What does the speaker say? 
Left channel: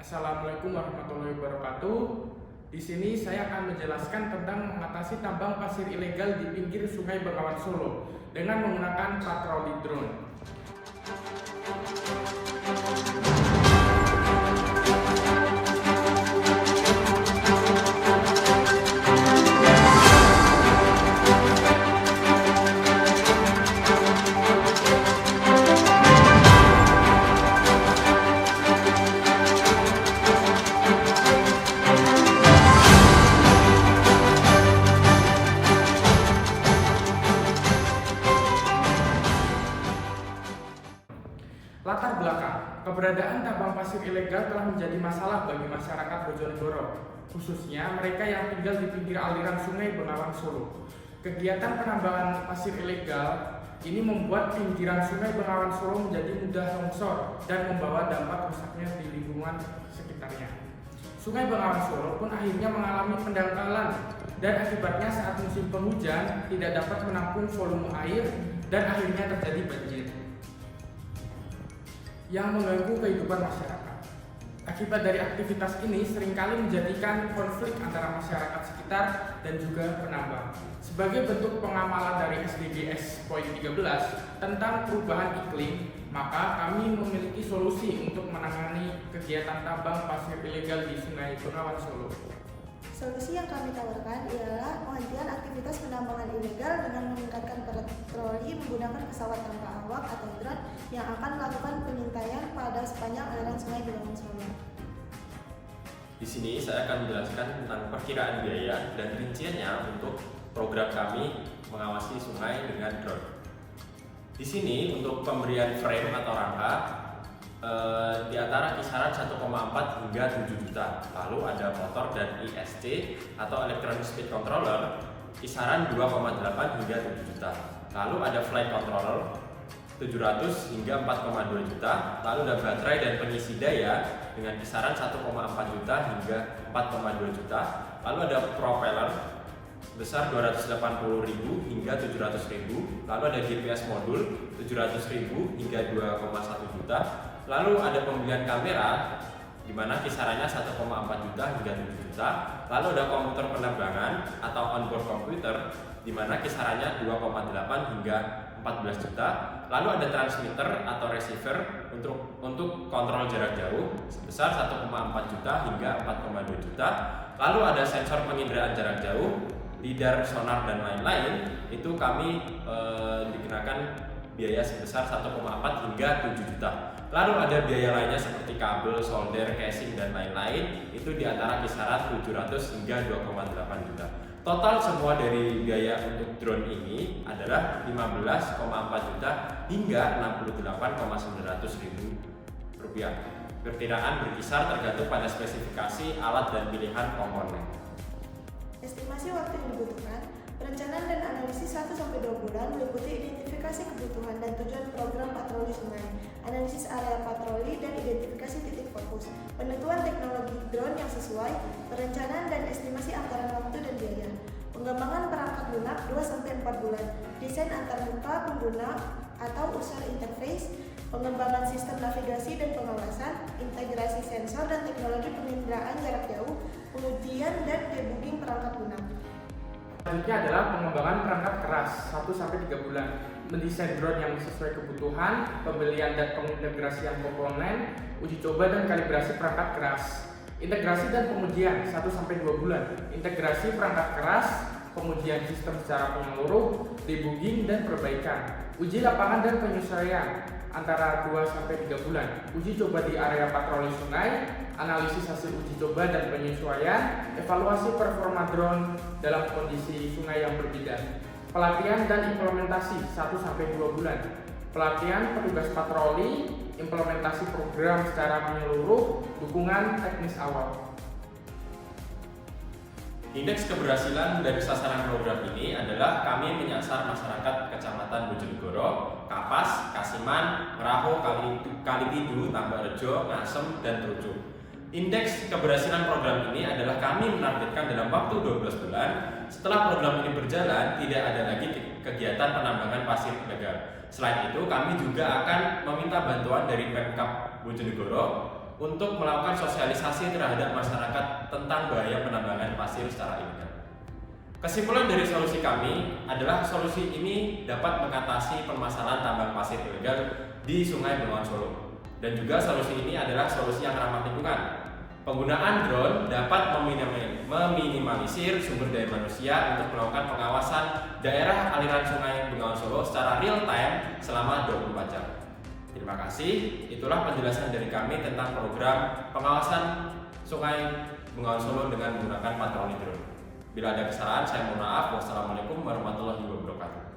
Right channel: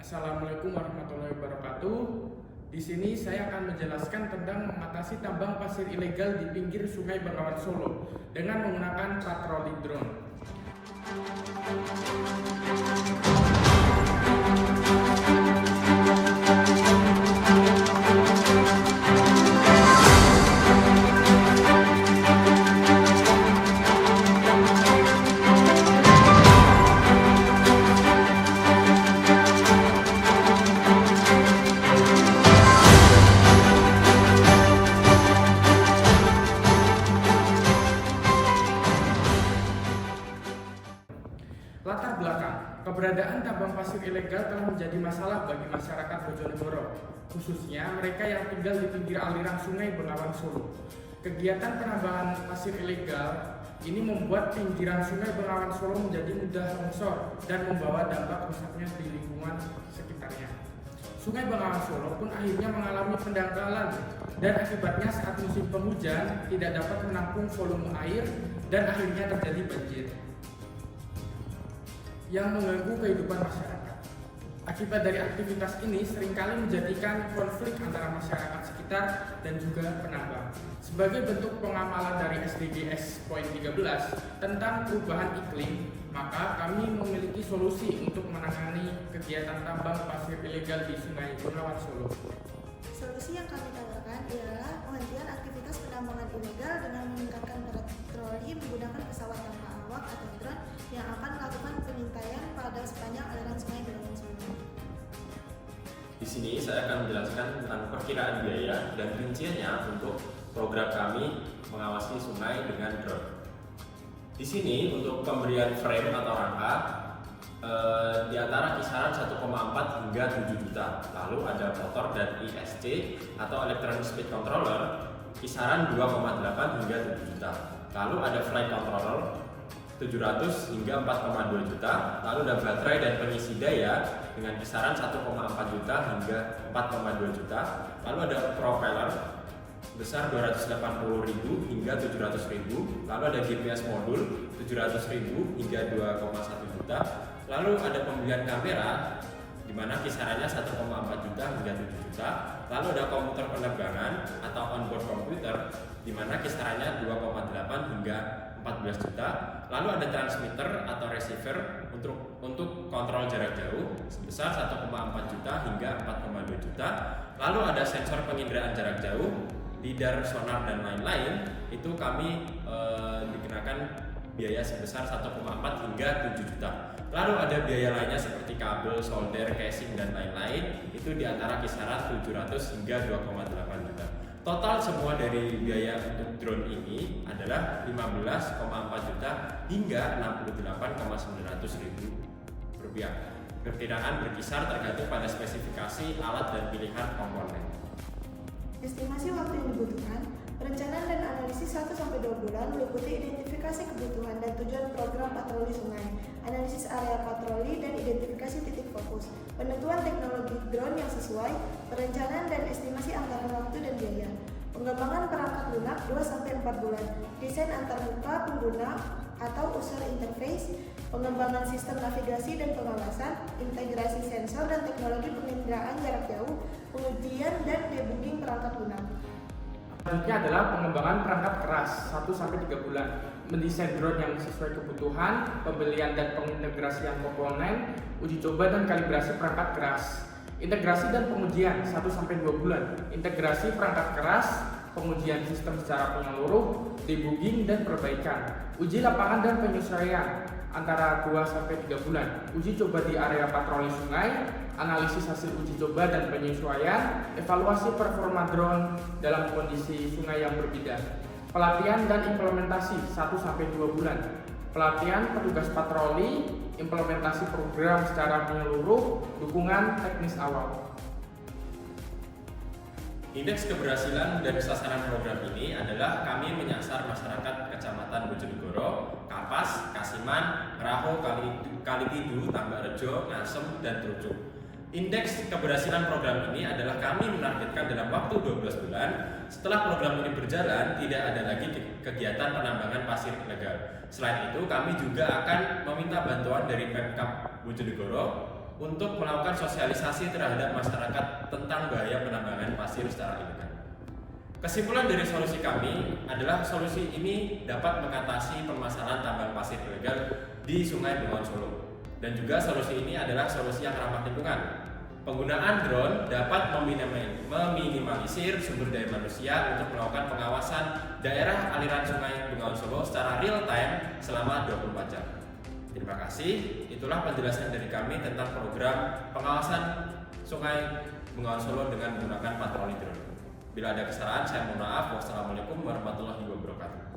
Assalamualaikum warahmatullahi wabarakatuh. Di sini saya akan menjelaskan tentang mengatasi tambang pasir ilegal di pinggir Sungai Bengawan Solo dengan menggunakan patroli drone. Latar belakang, keberadaan tambang pasir ilegal telah menjadi masalah bagi masyarakat Bojonegoro, khususnya mereka yang tinggal di pinggir aliran Sungai Bengawan Solo. Kegiatan penambangan pasir ilegal ini membuat pinggiran Sungai Bengawan Solo menjadi mudah longsor dan membawa dampak rusaknya di lingkungan sekitarnya. Sungai Bengawan Solo pun akhirnya mengalami pendangkalan dan akibatnya saat musim penghujan tidak dapat menampung volume air dan akhirnya terjadi banjir yang mengganggu kehidupan masyarakat. Akibat dari aktivitas ini seringkali menjadikan konflik antara masyarakat sekitar dan juga penambang. Sebagai bentuk pengamalan dari SDGs poin 13 tentang perubahan iklim, maka kami memiliki solusi untuk menangani kegiatan tambang pasir ilegal di Sungai Bengawan Solo. Solusi yang kami tawarkan ialah penghentian aktivitas penambangan ilegal dengan meningkatkan patroli menggunakan pesawat tanpa awak atau drone yang akan melakukan pengintaian pada sepanjang aliran Sungai Bengawan Solo. Di sini saya akan menjelaskan tentang perkiraan biaya dan rinciannya untuk program kami mengawasi sungai dengan drone. Di sini untuk pemberian frame atau rangka di antara kisaran 1,4 hingga 7 juta. Lalu ada motor dan ISC atau Electronic Speed Controller kisaran 2,8 hingga 7 juta. Lalu ada flight controller 700 hingga 4,2 juta. Lalu ada baterai dan pengisi daya dengan kisaran 1,4 juta hingga 4,2 juta. Lalu ada propeller besar 280.000 hingga 700.000. Lalu ada GPS modul 700.000 hingga 2,1 juta. Lalu ada pembelian kamera di mana kisarannya 1,4 juta hingga 7 juta. Lalu ada komputer penerbangan atau onboard komputer di mana kisarannya 2,8 hingga 14 juta. Lalu ada transmitter atau receiver untuk kontrol jarak jauh sebesar 1,4 juta hingga 4,2 juta. Lalu ada sensor penginderaan jarak jauh, lidar, sonar dan lain-lain. Itu kami dikenakan biaya sebesar 1,4 hingga 7 juta. Lalu ada biaya lainnya seperti kabel, solder, casing dan lain-lain. Itu di antara kisaran 700 hingga 2,8 juta. Total semua dari biaya untuk drone ini adalah 15,4 juta hingga 68,900.000 rupiah. Perkiraan berkisar tergantung pada spesifikasi alat dan pilihan komponen. Estimasi waktu yang dibutuhkan, perencanaan dan analisis 1-2 bulan meliputi identifikasi kebutuhan dan tujuan program patroli sungai, analisis area patroli dan identifikasi titik fokus, penentuan teknologi drone yang sesuai, perencanaan dan estimasi anggaran waktu dan biaya, pengembangan perangkat lunak 2-4 bulan, desain antarmuka pengguna atau user interface, pengembangan sistem navigasi dan pengawasan, integrasi sensor dan teknologi penginderaan jarak jauh, pengujian dan debugging perangkat lunak. Selanjutnya adalah pengembangan perangkat keras 1-3 bulan, mendesain drone yang sesuai kebutuhan, pembelian dan pengintegrasian komponen, uji coba dan kalibrasi perangkat keras. Integrasi dan pengujian 1-2 bulan, integrasi perangkat keras, pengujian sistem secara menyeluruh, debugging dan perbaikan, uji lapangan dan penyesuaian antara 2-3 bulan, uji coba di area patroli sungai, analisis hasil uji coba dan penyesuaian, evaluasi performa drone dalam kondisi sungai yang berbeda, pelatihan dan implementasi 1-2 bulan, pelatihan petugas patroli, implementasi program secara menyeluruh, dukungan teknis awal. Indeks keberhasilan dari sasaran program ini adalah kami menyasar masyarakat Kecamatan Bojonegoro, Kapas, Kasiman, Meraho, Kalipidu, Tambakrejo, Ngasem, dan Trucuk. Indeks keberhasilan program ini adalah kami menargetkan dalam waktu 12 bulan. Setelah program ini berjalan, tidak ada lagi kegiatan penambangan pasir ilegal. Selain itu, kami juga akan meminta bantuan dari Pemkab Bojonegoro untuk melakukan sosialisasi terhadap masyarakat tentang bahaya penambangan pasir secara ilegal. Kesimpulan dari solusi kami adalah solusi ini dapat mengatasi permasalahan tambang pasir ilegal di Sungai Bengawan Solo. Dan juga solusi ini adalah solusi yang ramah lingkungan. Penggunaan drone dapat meminimalisir sumber daya manusia untuk melakukan pengawasan daerah aliran Sungai Bengawan Solo secara real time selama 24 jam. Terima kasih, itulah penjelasan dari kami tentang program pengawasan Sungai Bengawan Solo dengan menggunakan patroli drone. Bila ada kesalahan, saya mohon maaf. Wassalamualaikum warahmatullahi wabarakatuh.